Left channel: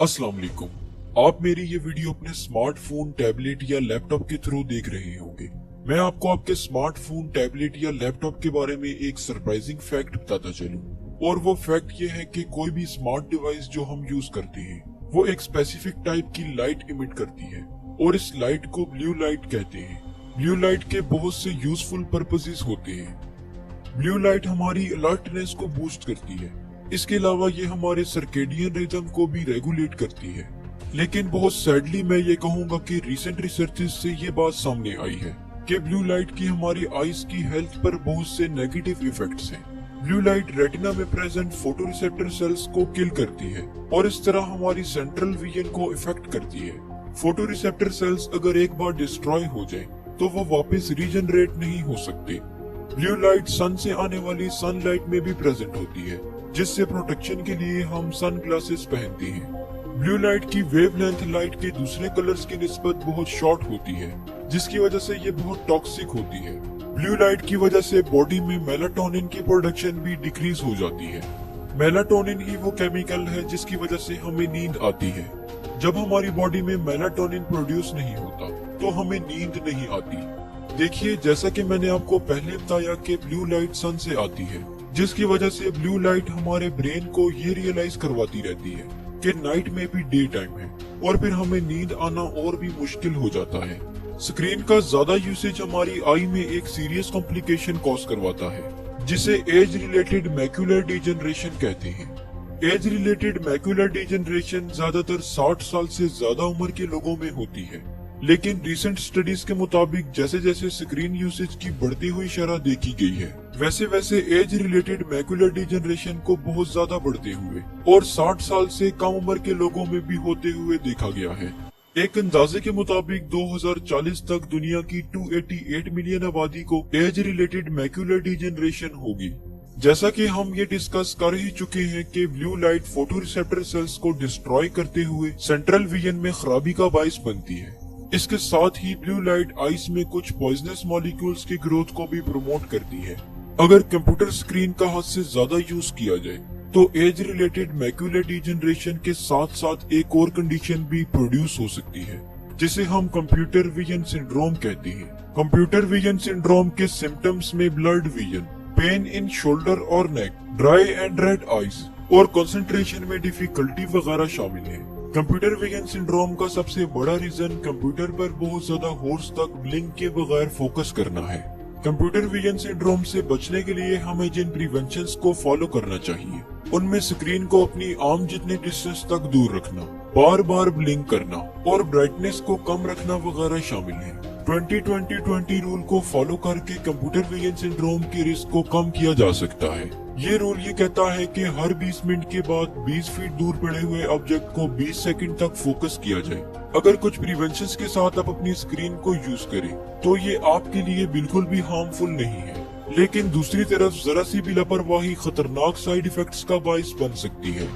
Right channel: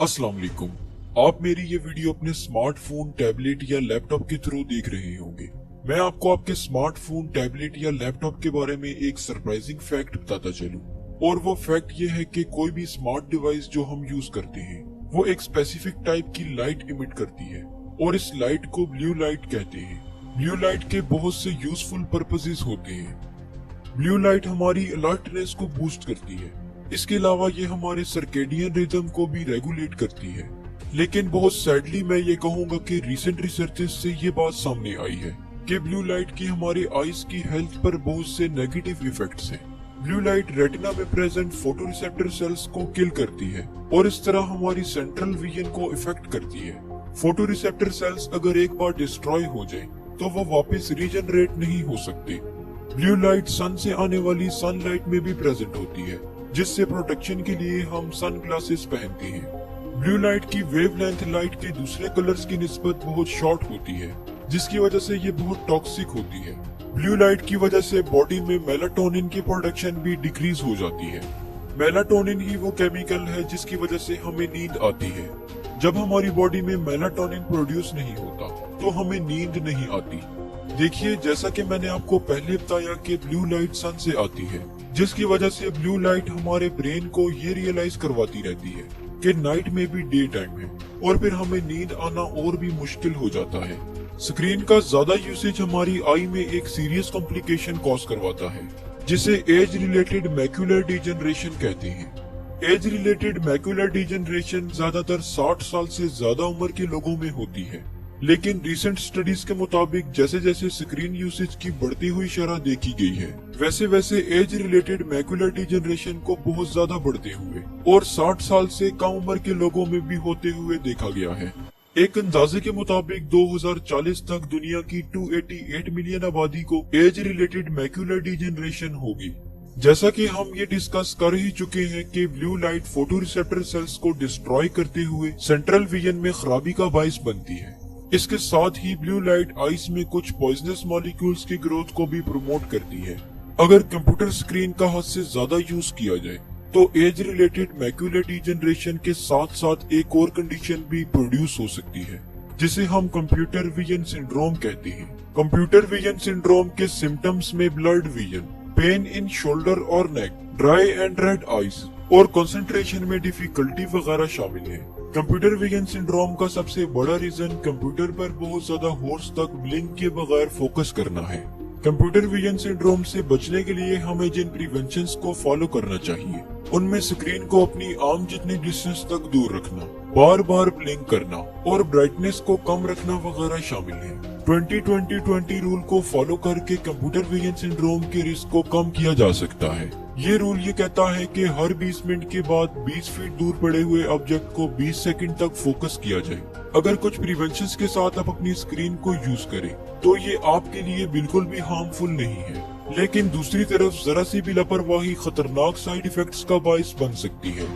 अस्सलाम वालेकुम। आप मेरी ये वीडियो अपने स्मार्टफोन, टैबलेट या लैपटॉप के थ्रू देख रहे होंगे। मैं आपको आपके स्मार्टफोन, टैबलेट या लैपटॉप के बारे में एक सरप्राइजिंग फैक्ट बताता चलूं। और वो फैक्ट ये है कि कोई भी स्मार्ट डिवाइस जो हम यूज करते हैं वो एक स्पेसिफिक टाइप की लाइट इमिट करती है और इस लाइट को ब्लू लाइट कहते हैं। ब्लू लाइट के बहुत से यूजफुल पर्पसेस होते हैं। ब्लू लाइट हमारी अलर्टनेस को बूस्ट करती है। इसके अलावा ये हमारे सर्केडियन रिदम को भी रेगुलेट करती है। लेकिन बहुत सैडली मैं ये कहूंगा कि रीसेंट रिसर्चेस से ये बात सामने आई है कि ब्लू लाइट की हमारे आईज की हेल्थ पर बहुत से नेगेटिव इफेक्ट्स हैं। ब्लू लाइट रेटिना में प्रेजेंट फोटोरिसेप्टर सेल्स को किल करती है और इस तरह हमारी सेंट्रल विजन को इफेक्ट करती है। फोटोरिसेप्टर सेल्स अगर एक बार डिस्ट्रॉय हो जाए तो वो वापस रीजनरेट नहीं हो सकते। ब्लू लाइट सन से आने वाली सनलाइट में भी प्रेजेंट होती है, जिससे प्रोटेक्शन के लिए हम सन ग्लासेस पहनते हैं। ब्लू लाइट की वेवलेंथ लाइट के दूसरे कलर्स की निस्बत बहुत शॉर्ट होती है, जिसकी वजह से ये बहुत टॉक्सिक होती है। ब्लू लाइट की वजह से बॉडी में मेलाटोनिन की प्रोडक्शन भी डिक्रीज हो जाती है। मेलाटोनिन ही वो केमिकल है जिसकी वजह से हमें नींद आती है। जब हमारी बॉडी में मेलाटोनिन प्रोड्यूस नहीं होता तो हमें नींद नहीं आती। देखिए, जैसा कि मैंने आपको पहले बताया कि ब्लू लाइट सन से आती है, जिसकी वजह से ब्लू लाइट हमारे ब्रेन को ये रियलाइज करवाती रहती है कि नाइट में भी डे टाइम है और फिर हमें नींद आना और भी मुश्किल हो जाता है। स्क्रीन का ज्यादा यूसेज हमारी आई में एक सीरियस कॉम्प्लिकेशन कॉज करवाता है, जिसे एज रिलेटेड मैक्यूलर डिजनरेशन कहते हैं। एज रिलेटेड मैक्यूलर डिजनरेशन ज्यादातर 60 साल से ज्यादा उम्र के लोगों में होती है। लेकिन रिसेंट स्टडीज के मुताबिक जैसे जैसे स्क्रीन यूसेज की बढ़ती हुई शरह देखी गई है, वैसे वैसे एज रिलेटेड मैक्यूलर डिजनरेशन को बहुत ज्यादा बढ़ते हुए और 60 साल से कम उम्र के लोगों में भी होते हुए देखा गया है। एक अंदाजे के मुताबिक 2040 तक दुनिया की 288 मिलियन आबादी को एज रिलेटेड मैक्यूलर डिजनरेशन होगी। जैसा कि हम ये डिस्कस कर ही चुके हैं कि ब्लू लाइट फोटोरिसेप्टर सेल्स को डिस्ट्रॉय करते हुए सेंट्रल विजन में खराबी का बाइस बनती है। इसके साथ ही ब्लू लाइट आइस में कुछ पॉइजनस मॉलिक्यूल्स की ग्रोथ को भी प्रमोट करती है। अगर कंप्यूटर स्क्रीन का हद से ज्यादा यूज किया जाए तो एज रिलेटेड मैक्यूलर डिजनरेशन के साथ साथ एक और कंडीशन भी प्रोड्यूस हो सकती है, जिसे हम कंप्यूटर विजन सिंड्रोम कहते हैं। कंप्यूटर विजन सिंड्रोम के सिम्टम्स में blurred vision, pain in shoulder और नेक, ड्राई एंड रेड आइज और कंसंट्रेशन में डिफिकल्टी वगैरह शामिल है। कंप्यूटर विजन सिंड्रोम का सबसे बड़ा रीजन कंप्यूटर पर बहुत ज्यादा होर्स तक ब्लिंक के बगैर फोकस करना है। कंप्यूटर विजन सिंड्रोम से बचने के लिए हमें जिन प्रिवेंशंस को फॉलो करना चाहिए, उनमें स्क्रीन को अपनी आर्म जितनी डिस्टेंस तक दूर रखना, बार बार ब्लिंक करना और ब्राइटनेस को कम रखना वगैरह शामिल है। 20-20-20 रूल को फॉलो करके कंप्यूटर विजन सिंड्रोम के रिस्क को कम किया जा सकता है। ये रूल ये कहता है कि हर 20 मिनट के बाद 20 फीट दूर पड़े हुए ऑब्जेक्ट को 20 सेकंड तक फोकस किया जाए। अगर कुछ प्रिवेंशंस के साथ आप अपनी स्क्रीन को यूज करें तो ये आपके लिए बिल्कुल भी हार्मफुल नहीं है, लेकिन दूसरी तरफ जरा सी भी लापरवाही खतरनाक साइड इफेक्ट्स का बाइस बन सकती है।